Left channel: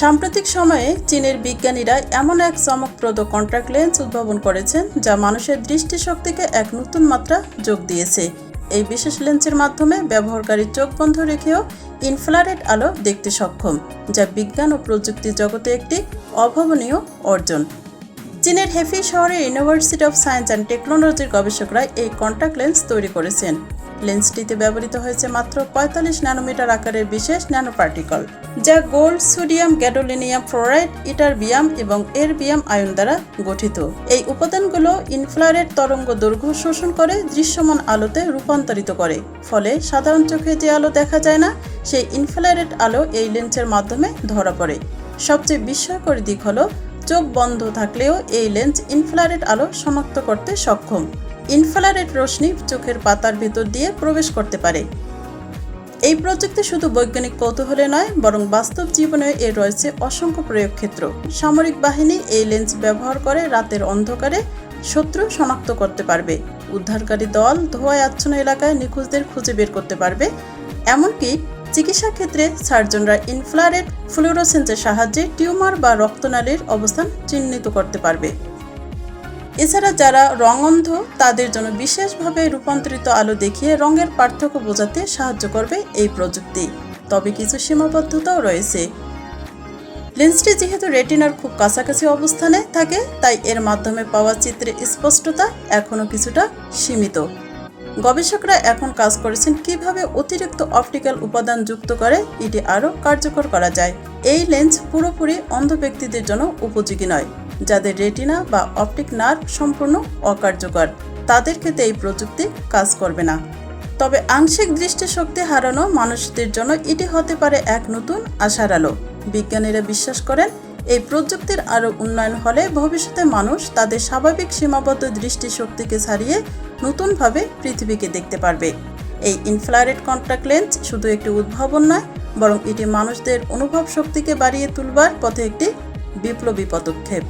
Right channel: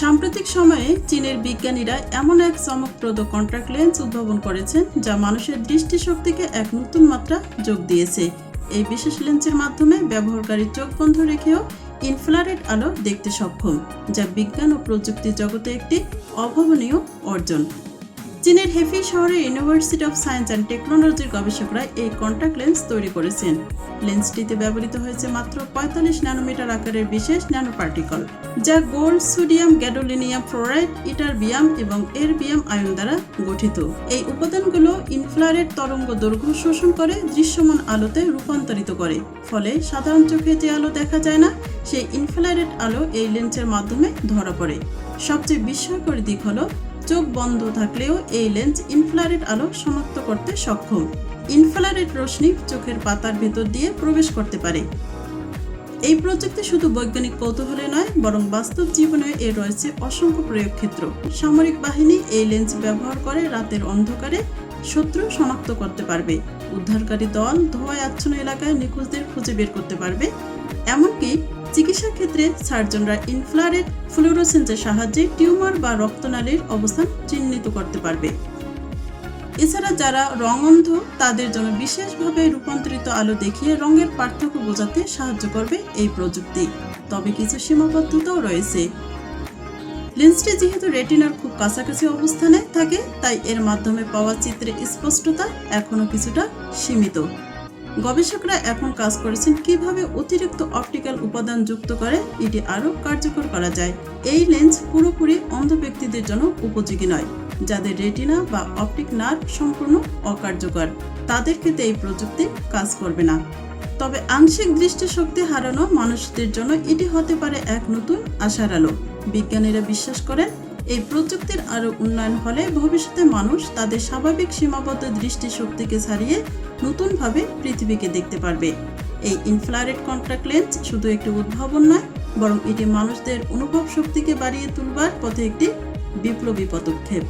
সাম্প্রতিক সময়ে চীনের বিজ্ঞানীরা এমন এক চমকপ্রদ কন্ট্রাক্ট লেন্স উদ্ভাবন করেছেন, যা মানুষের দৃষ্টিশক্তিকে এক নতুন মাত্রা যোগ দিয়েছে। এই বিশেষ লেন্সের মাধ্যমে ব্যবহারকারী চোখ বন্ধ রেখেও ইনফ্রারেড আলো দেখতে সক্ষম, যা বিজ্ঞান ও প্রযুক্তি জগতে একটি অভাবনীয় অর্জন। চীনের হেফি শহরের ইউনিভার্সিটি অফ সায়েন্স অ্যান্ড টেকনোলজির গবেষকরা এই কন্ট্যাক্ট লেন্স তৈরি করেছেন। লেন্সটিতে ব্যবহৃত হয়েছে মাত্র পঁয়তাল্লিশ ন্যানোমিটার আকারের বিশেষ ন্যানো পার্টিকল যা gold, sodium gadolinium fluoride ytter ytterbium এবং এরবিয়াম আয়ন দ্বারা গঠিত। এই উপাদানগুলো ইনফ্রারেড তরঙ্গ দৈর্ঘ্য শোষণ করে দৃশ্যমান আলোতে রূপান্তরিত করে, ফলে সাধারণ চোখে যে আলো দেখা যায় না, সেই ইনফ্রারেড আলো এই লেন্সের মাধ্যমে ধরা পড়ে। সবচেয়ে বিস্ময়কর দিক হলো, চোখ বন্ধ থাকলেও এই লেন্স ইনফ্রারেড আলো শনাক্ত করতে সক্ষম। ইনফ্রারেড রশ্মি চোখের পাতার ভেতর দিয়ে প্রবেশ করতে পারে। এই প্রযুক্তি শুধু বৈজ্ঞানিক কৌতূহলে নয়, বরং বাস্তব জীবনে এর রয়েছে অসংখ্য প্রয়োগ ক্ষেত্র সামরিক বাহিনী এই লেন্স ব্যবহার করে রাতের অন্ধকারে শত্রু শনাক্ত করতে পারবে। উদ্ধারকারী দল ধোঁয়ায় আচ্ছন্ন এলাকায় নিখোঁজদের খুঁজে বের করতে পারবে। এমনকি চিকিৎসা ক্ষেত্রে সার্জনরা ইনফ্রারেড ফ্লুরোসেন্সের সাহায্যে টিউমার বা রক্তনালীর অবস্থান চিহ্নিত করতে পারবে। এছাড়া যারা রং অন্ধ তাদের জন্য বিশেষভাবে রূপান্তরিত আলো দেখিয়ে রঙের পার্থক্য বোঝাতে সাহায্য করবে এই প্রযুক্তি। তবে কিছু সীমাবদ্ধতাও রয়েছে। লেন্সটি যেহেতু রেটিনার খুব কাছাকাছি অবস্থানে থাকে, তাই এর মাধ্যমে পাওয়া চিত্রের স্পষ্টতা এখনও কিছুটা সীমিত। গবেষকরা এখন কাজ করেছেন কীভাবে অতিরিক্ত অপটিক্যাল উপাদান যুক্ত করে এটি আরও কার্যকর করা যায়। এই লেন্স পুরোপুরি অন্ধ ব্যক্তিদের জন্য উপযোগী নয়। যাদের রেটিনা বা অপটিক নার্ভ সম্পূর্ণ অকার্যকর, তাদের ক্ষেত্রে এই প্রযুক্তি কাজ করবে না। তবে আংশিক দৃষ্টিশক্তি হারানো মানুষদের জন্য এটি হতে পারে এক নতুন আশার আলো। বিজ্ঞানীরা বিশ্বাস করেন, এই প্রযুক্তির আরও উন্নয়ন হলে ভবিষ্যতে মানুষ তাদের স্বাভাবিক সীমাবদ্ধ দৃষ্টিশক্তিকে ছাড়িয়ে নতুনভাবে পৃথিবীকে দেখতে পারবে। এই ইনফ্রারেড কন্ট্যাক্ট লেন্স শুধু একটি উদ্ভাবন নয়, বরং এটি মানুষদের অনুভব শক্তিকে বাড়িয়ে তুলবার পথে একটি বিপ্লবী পদক্ষেপ।